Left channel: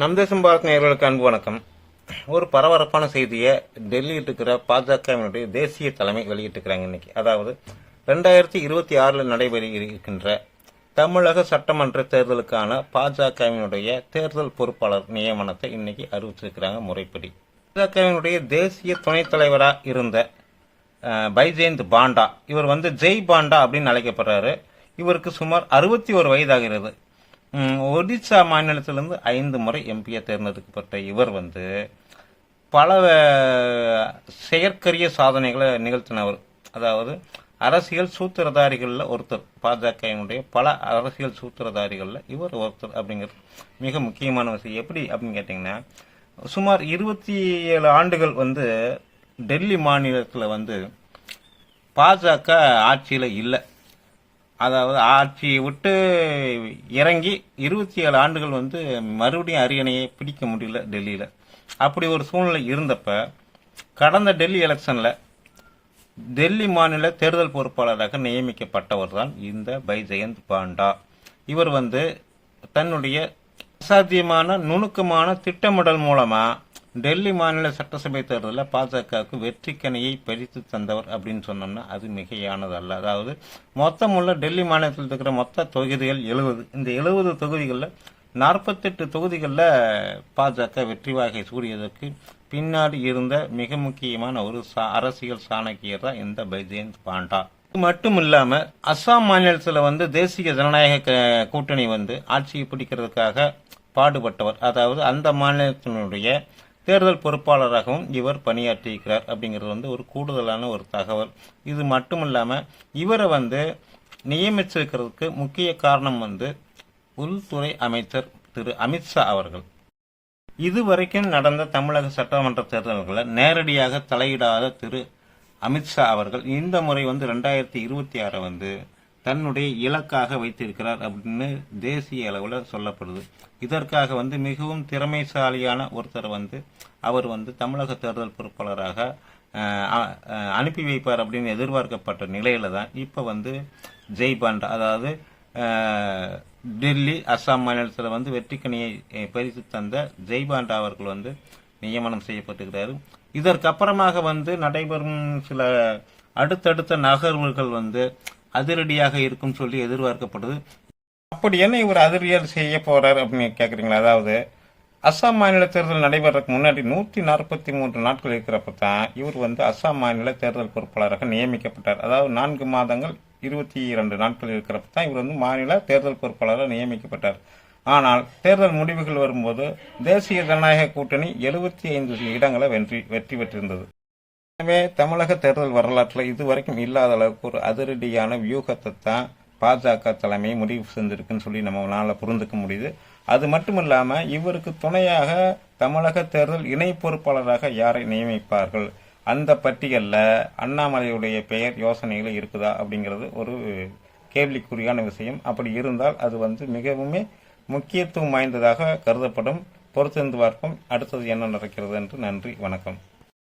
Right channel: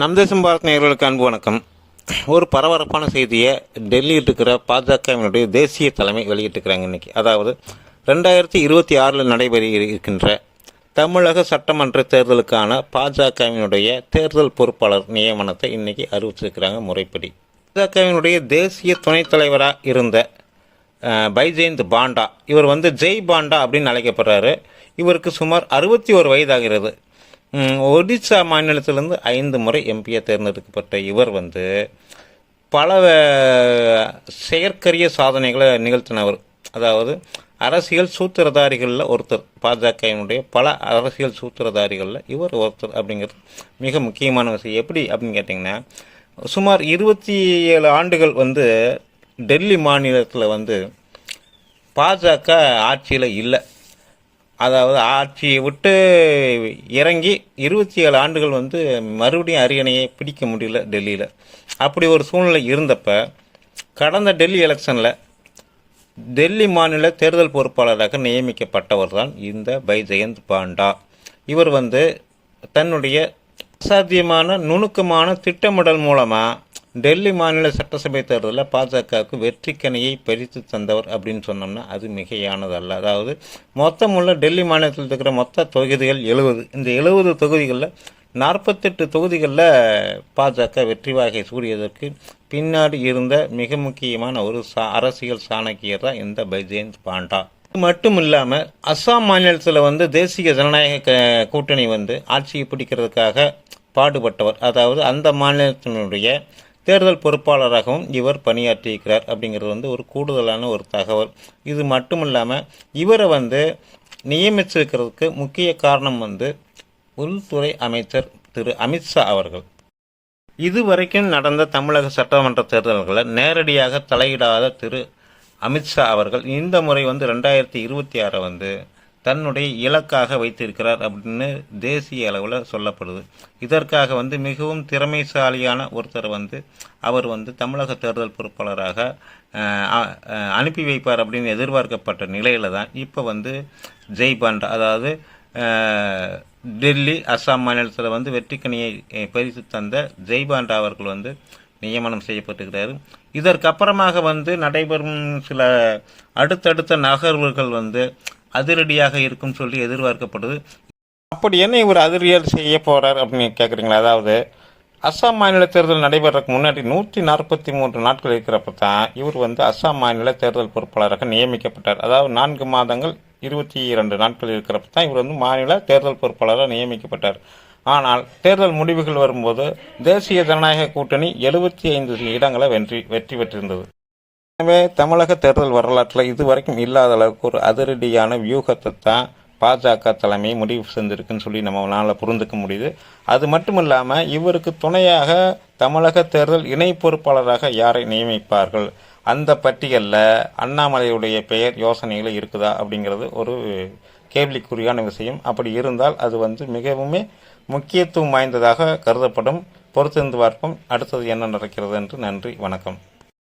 நம் தேசம் பாரத் நேயர்களுக்கு அன்பு வணக்கம். ஒரு பரபரப்பான செய்தியை டெல்லியில் இருக்கிற பாஜகவினுடைய தேசிய தலைமை வெளியிட்டிருக்கிறாங்க இன்றைக்கி. அதாவது 2026 நடைபெற இருக்கின்ற தமிழக சட்டமன்ற தேர்தலுக்கான பாஜகவினுடைய தேர்தல் பொறுப்பாளர் நியமனத்தை இன்றைக்கி அறிவிச்சிருக்கிறாங்க முறைப்படி. பாஜகவினுடைய தேசிய துணைத் தலைவராக இருந்த பைஜெயந்த் பாண்டா, இவர் ஜெய் பாண்டா அப்படின்னு அழைக்கப்படுறாரு. இவருக்கு சுமார் 61 வயதாகிறது. ஒடிசா மாநிலத்திலிருந்து 5 முறை எம்பியாக தேர்ந்தெடுக்கப்பட்ட இவர் பல செயற்கரிய சாதனைகளை நிகழ்த்தினவர். அதாவது அரசியல் சூத்திரதாரிகளில் ஒருத்தர். பாஜகவினுடைய பல அரசியல் சூத்திரதாரிகளில் இவர் ஒருத்தர் அப்படிங்கிறது மிக முக்கியமான விஷயம். எப்படி அப்படின்னு கேட்டிங்கன்னா, சுமார் 27 ஆண்டுகள் டெல்லி மாநிலத்தில் பாஜக ஆட்சியில் இல்லை. அதாவது ஆட்சியை விட்டு இறங்கி 27 ஆண்டுகள் மறுபடியும் அரியணையை பிடிக்க முடியல டெல்லியில். அப்படி ஒரு சூழ்நிலை இருந்தப்ப கடந்த டெல்லி எலெக்ஷனில் டெல்லி மாநில தேர்தல் பொறுப்பாளராக நியமிக்கப்பட்டவர் தான் இந்த பைஜெயந்த் பாண்டா. இவர் தன்னுடைய அசாத்தியமான நுணுக்கமான திட்டமிடல் மூலமாக டெல்லி மாநில சட்டசபை தேர்தலில் பாஜகவுக்கு வெற்றிக்கனியை பறித்து தந்தவர் அப்படின்னு சொன்னோம்னா அது மிகையானதல்ல. அதாவது மொத்தமுள்ள டெல்லி மாநிலத்தில் இருக்கிற மொத்த தொகுதிகள் 70. இந்த 70 தொகுதிகளில் 48 தொகுதிகளில் பாஜக வெற்றி வாகை சூடியதற்கு பின்னாடி இருந்த மிக முக்கியமான ஒரு அரசியல் சாணக்கியர் தான் இந்த பைஜெயந்த் பாண்டா. இது மட்டும் இல்லாமல் அஸ்ஸாம் மாநிலத்தில் தேசிய ஜனநாயக கூட்டணி ஆட்சியை பிடிக்கிறதுக்காக பாடுபட்டவர். அதாவது அந்த மாநிலத்தினுடைய தேர்தல் பொறுப்பாளராகவும் இவர் பணியாற்றியிருக்கிறார் அப்படிங்கிறது ஒரு கூடுதலான ஒரு தகவல். இது மட்டும் இல்லாமல் இவரை நியமிச்சிருக்கிறதுக்கு முக்கிய காரணம் உள்துறை அமைச்சர் திரு அமித்ஷா அவர்கள். இதுவரைக்கும் நடந்த தமிழக சட்டமன்ற தேர்தல்களில் நேரடியாக தலையிடாத திரு அமித்ஷா அவர்கள் இந்த முறை 2026 தன்னுடைய இலக்காக வைத்திருக்கிறார் அப்படின்னு தேசிய அளவில் சொல்லப்படுது. இதற்காக மிகவும் திறமைசாலியான ஒருத்தர் அவர் தமிழக தேர்தல் பொறுப்பாளராக அனுப்பி வைப்பார் அப்படின்னு எதிர்பார்க்கப்பட்ட நிலையில் தான் இப்போ ஜெய் பாண்டா, அதாவது டெல்லி அஸ்ஸாம் மாநிலத்தில் வெற்றிக்கனியை பறித்து தந்த ஜெய் பாண்டா அவர்கள் நியமனம் செய்யப்பட்டிருக்கிறார். இதற்கப்புறமாக நடைபெறும் சில அடுத்தடுத்த நகர்வுகள் அதிரடியாக இருக்கும் சொல்லி எதிர்பார்க்கப்படுது. அப்படி என்ன இவர் அதிரடியாக செய்ய போகிறார் அப்படின்னு கேட்குறீங்களா? அதாவது அஸ்ஸாம் மாநில தேர்தல் நடைபெறதுக்கு முன்னாடி 143 நாட்கள் இருக்கிறப்ப தான் இவர் அஸ்ஸாம் மாநில தேர்தல் பொறுப்பாளராக நியமிக்கப்பட்டார். அதாவது 4 மாதங்கள் 22 நாட்கள் இருக்கிறப்ப தான் இவர் மாநில தேர்தல் பொறுப்பாளராக நியமிக்கப்பட்டார். ஆனால் தேர்தல் முடிவுகள் வரும்போது தேசிய ஜனநாயக கூட்டணி 75 இடங்களை வெற்றி பெற்றிருந்தது. எனவே தமிழக தேர்தல் வரலாற்றில் இதுவரைக்கும் இல்லாத அளவுக்கு ஒரு அதிரடியான வியூகத்தை தான் பாஜக தலைமை முடிவு செஞ்சிருக்குன்னு சொல்லி நம்மளால் புரிந்துக்க முடியுது. அது மட்டும் இல்லாமல் இவருக்கு துணையாக தமிழக தேர்தல் இணை பொறுப்பாளராக யாரை நியமிப்பார்கள், அந்த பட்டியலில் அண்ணாமலையுடைய பெயர் யோசனைகள் இருக்குதா அப்படிங்கிறது ஒரு கேள்விக்குறியான விஷயம். அப்படி இருந்தால் அது மிகவும் முக்கியத்துவம் வாய்ந்ததாக கருதப்படும். பொறுத்திருந்து பார்ப்போம் அடுத்தது என்ன நடக்கிறது என்று. நன்றி, வணக்கம்.